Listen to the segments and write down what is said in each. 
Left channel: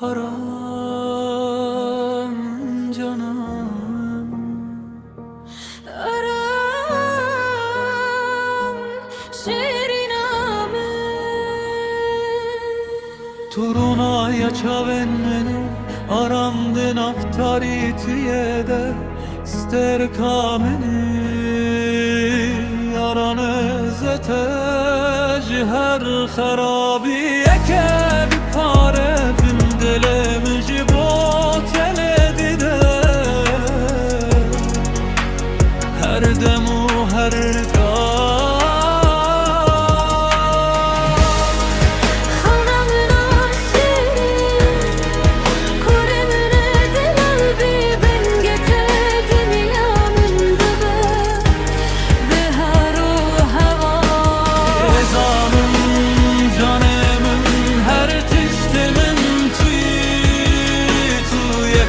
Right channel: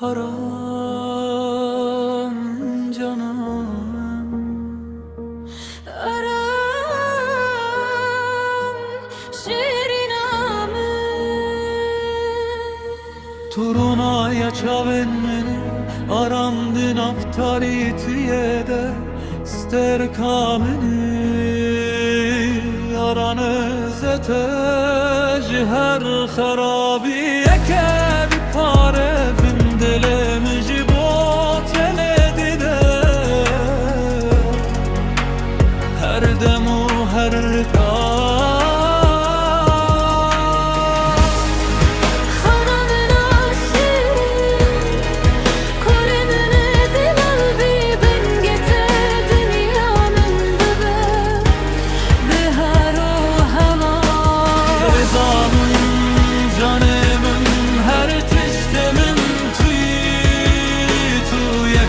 haram canım, aram şiriname Turunaya çavenmeni aramdın aftari tüyede ster kameni aranı zetej her harabiye ke bir pare vindelemeci boteledi de her demu her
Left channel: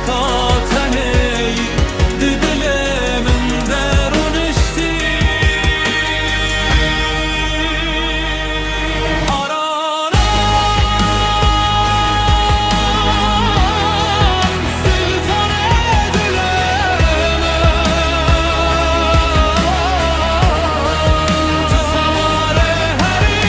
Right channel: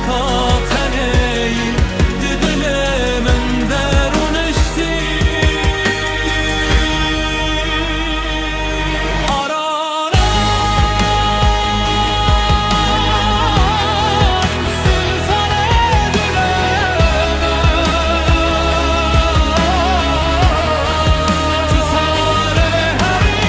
kateneyi didile men derun işti aranan sultan edileme tüsavare heri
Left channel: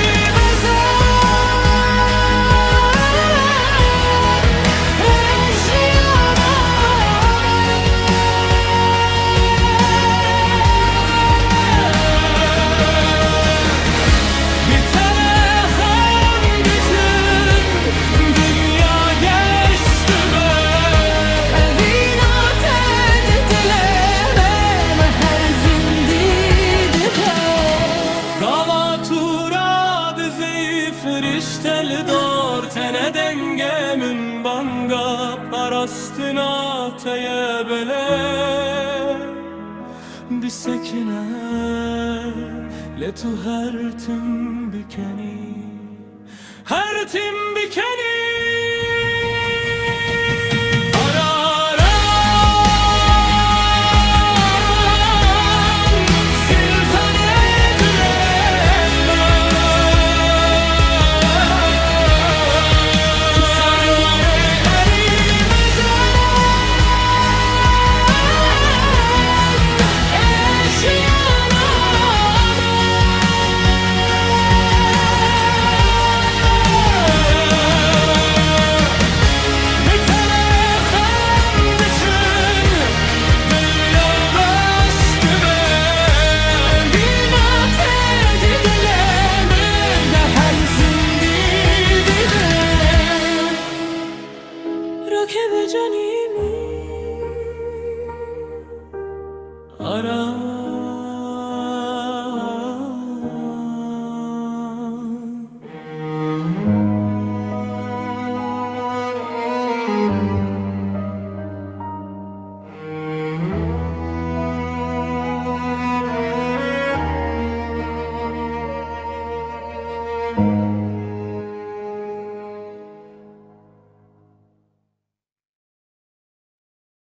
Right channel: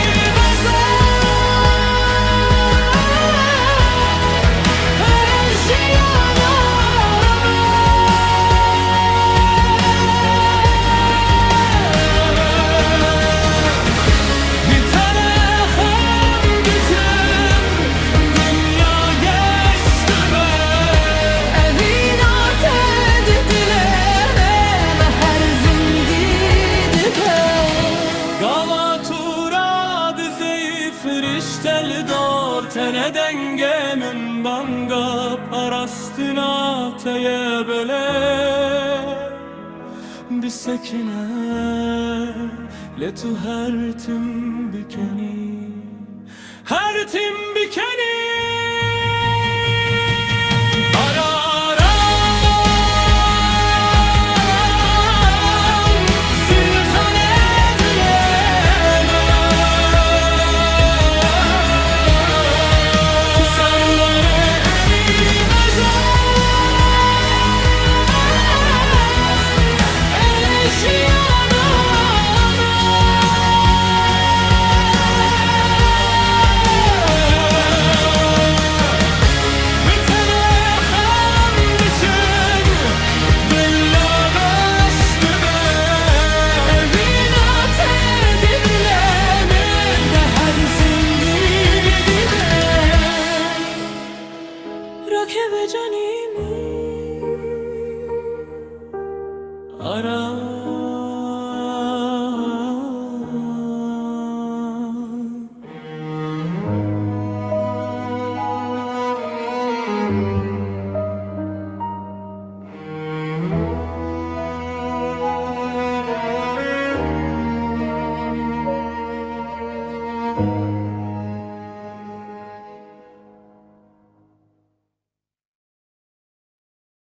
Friştel dor tene dengemin banga parastına teyebele bir sekine letu her tim bikeni her tim bikeni Canimi ara